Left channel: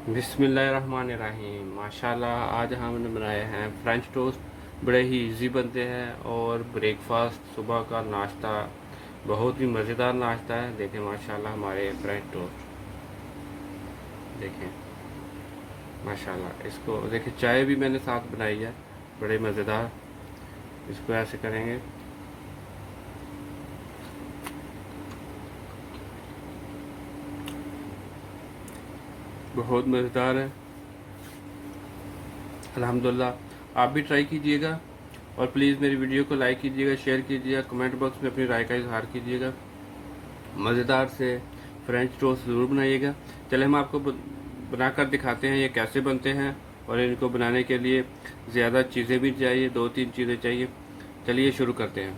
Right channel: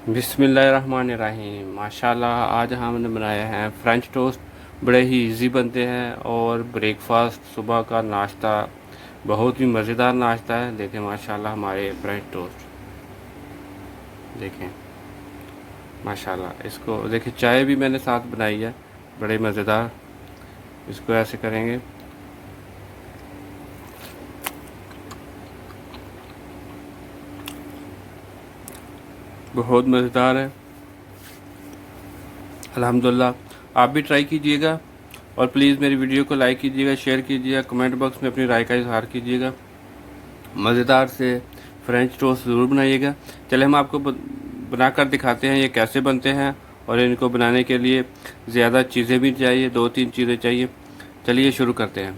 बिस्मिल्लाहिर्रहमानिर्रहीम। माशाल्लाह आज हमने बनाया है फ्रेंच टोस्ट। बड़े ही इजी बनते हैं और ब्रेकफास्ट सुबह का नाश्ता बहुत ही मज़ेदार नाश्ता है। देखें माशाल्लाह हमारे फ्रेंच टोस्ट देखें माशाल्लाह। इसको देखिए चाय भी मैंने साथ बनाई है, बड़े मज़ेदार। इसको ऐसे करेंगे, बहुत मज़ेदार है अल्हम्दुलिल्लाह। आप भी ट्राई कीजिएगा और प्लीज़ मेरी वीडियो को लाइक कीजिएगा, शेयर कीजिएगा, कमेंट बॉक्स में अपनी राय का इजहार कीजिएगा। मज़ेदार से फ्रेंच टोस्ट ज़रूर बनाइएगा। चले हम आपको बनाकर दिखाते हैं ये कैसे बनते हैं। और इनको बनाने के लिए ज़्यादा चीज़ें भी चाहिए, 2-3 चीज़ें चाहिए। चलिए शुरू करते हैं।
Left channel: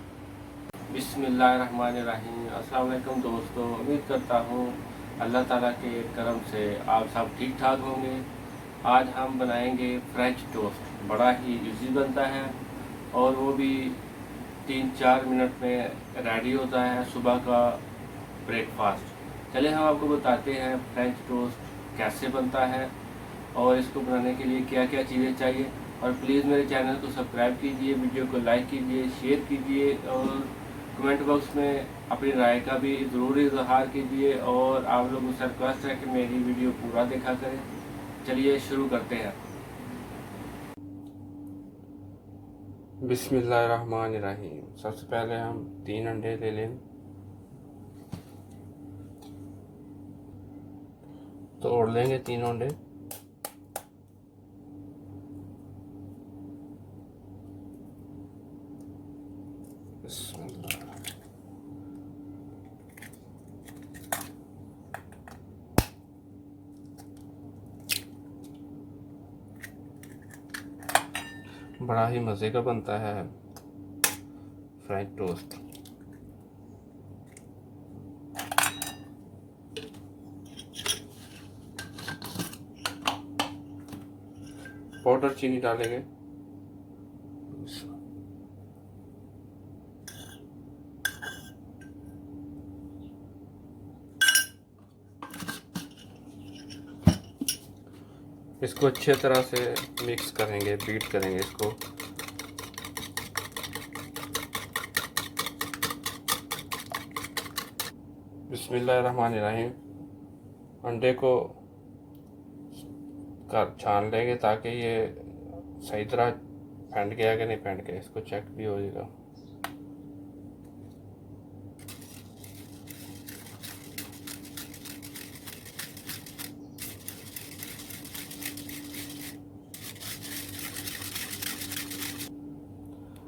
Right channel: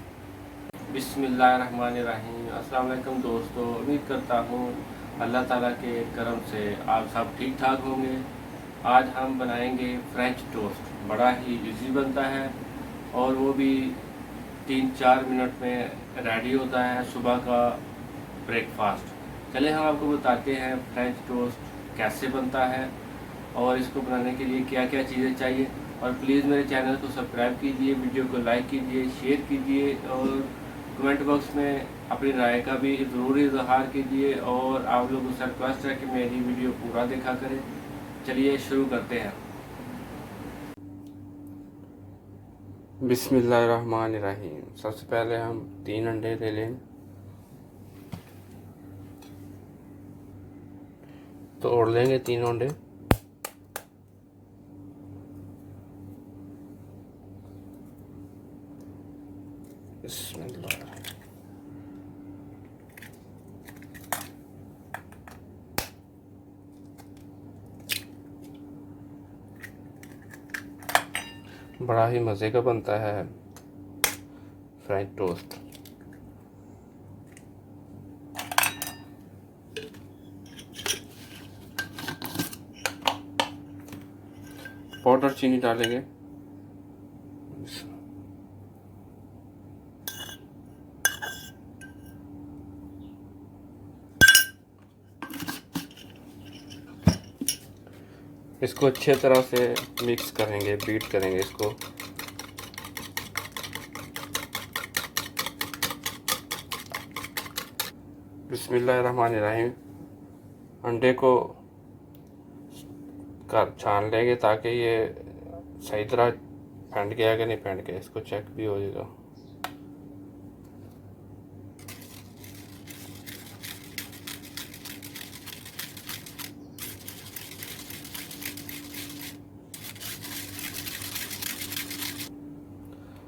बिस्मिल्लाहिर्रहमानिर्रहीम। अस्सलाम वालेकुम दोस्तों, उम्मीद करता हूँ अल्लाह ताला के करम से आप सब ठीक ठाक होंगे। आज हम बनाएंगे फ्रेंच टोस्ट। बड़ा ही इजी बनता है और वो भी 3-4 मिनट में रेडी होता है सुबह का ब्रेकफास्ट। चलिए हम आपको बताते हैं फ्रेंच टोस्ट कैसे बनता है और इसको बनाने के लिए क्या क्या चीज़ें चाहिए। और प्लीज़ मेरे चैनल को सब्सक्राइब कीजिए, वीडियो को लाइक कीजिए, शेयर कीजिए और कमेंट बॉक्स में अपनी राय का भी ज़रूर इजहार कीजिए। और आप लोगों से रिक्वेस्ट है कि मेरी वीडियो पूरा देखा करें। चलिए शुरू करते हैं। बिस्मिल्लाहिर्रहमानिर्रहीम। सबसे पहले हम 3 अंडे ले लें, तोड़ लेंगे 3 अंडे। बिस्मिल्लाह। बड़ा ही मज़े का बनता है फ्रेंच टोस्ट। पाउडर चीनी डालेंगे, इसको अच्छे तरह से मिक्स करेंगे, बीट करेंगे इसको। बिस्मिल्लाहिर्रहमानिर्रहीम। अंडे को छान लेंगे ताकि ये सही तरह फेंट गया कि नहीं फेंट गया, इसको चेक भी होगा।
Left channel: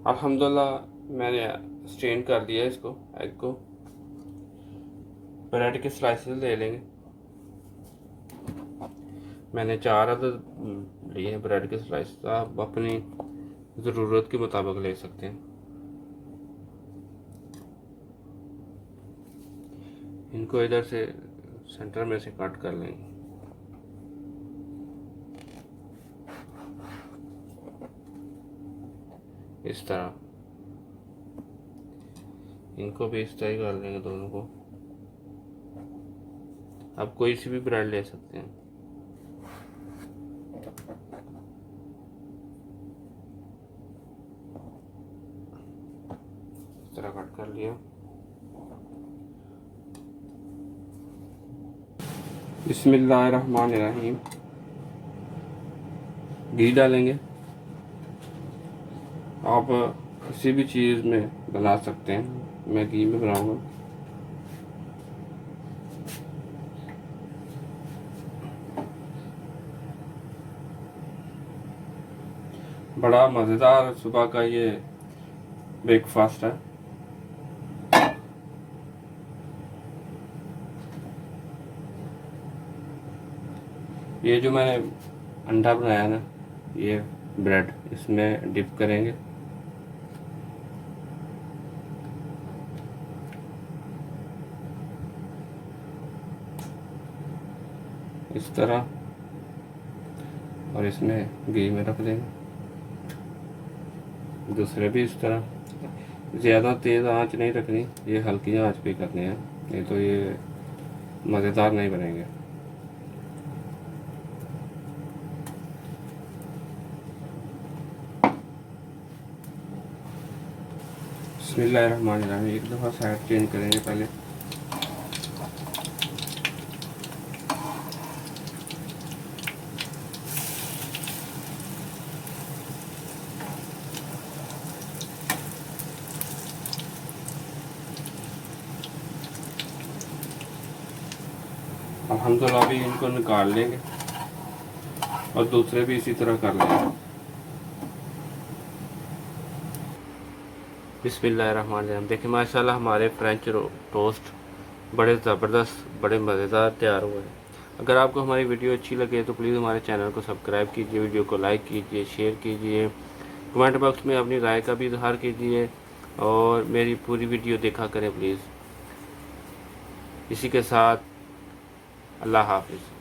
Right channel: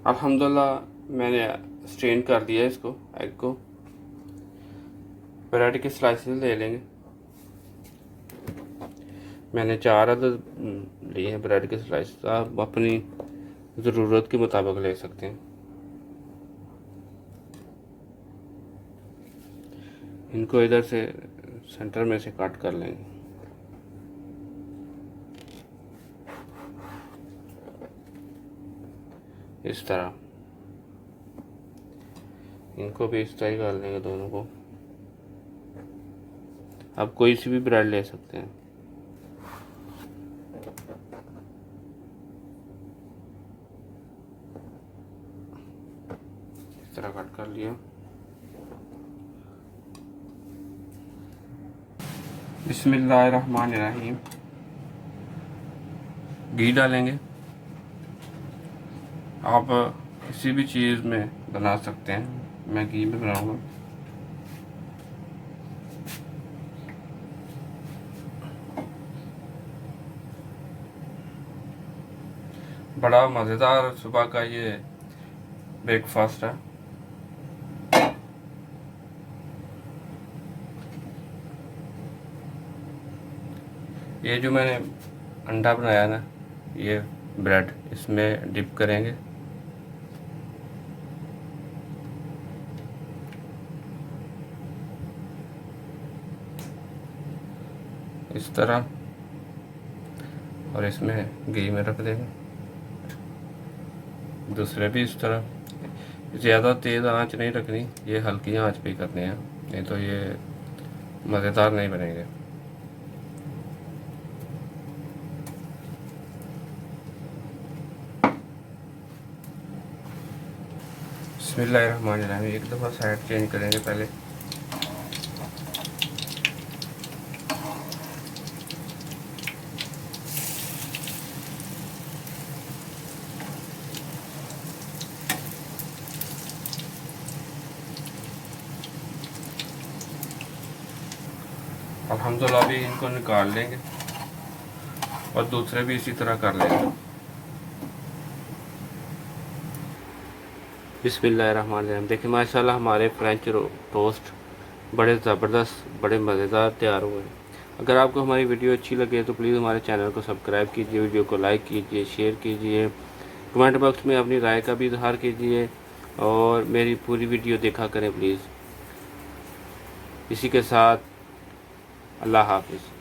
अल्हम्दुलिल्लाह मैंने स्ट्रेन कर दिया इसको, एग को। ब्रेड के स्लाइसेस ले लेंगे, मैंने 4 अदद लिए हैं ब्रेड के स्लाइस। आप अपनी ज़रूरत के मुताबिक ले सकते हैं। इनको इधर से सेंटर में से काट कर लेंगे, इस तरह। इनको भी इस तरह कर लेंगे दोनों को। आप कोई सी भी ब्रेड ले सकते हैं। इस तरह कट कर लिया। बिस्मिल्लाहिर्रहमानिर्रहीम। घी डालेंगे। आप किसी भी चीज़ में बना सकते हैं, मैं घी में बनाऊंगा। बड़ा मज़ेदार सुबह का ये ब्रेकफास्ट है। ये जो मैंने अंडा बनाया ना, ये ब्रेड इसमें डिप करेंगे। इस तरह, और इसमें घी में रख देंगे। दूसरे भी इस तरह। ज़्यादा तेज़ आंच नहीं रखनी, ये हल्की आंच पे करनी है, नहीं तो ये मज़ेदार नहीं बनेंगे। बिस्मिल्लाहिर्रहमानिर्रहीम। एक दफ़ा साइड चेंज करेंगे पहले। अल्हम्दुलिल्लाह अभी इनको निकाल लेंगे और दूसरे भी इसी तरह कर लेंगे। बिस्मिल्लाहिर्रहमानिर्रहीम। देखिए माशाल्लाह हमारे फ्रेंच टोस्ट बड़े ज़बरदस्त, बड़े मज़ेदार तैयार हुए हैं। अगर आपको हमारी वीडियो अच्छी लगे तो प्लीज़ हमारे चैनल को सब्सक्राइब कीजिए, वीडियो को लाइक कीजिए, शेयर कीजिए, कमेंट बॉक्स में अपनी राय का भी इजहार कीजिए और मेरी पूरी वीडियो देखा करें प्लीज़। इसी के साथ अल्लाह हाफ़िज़।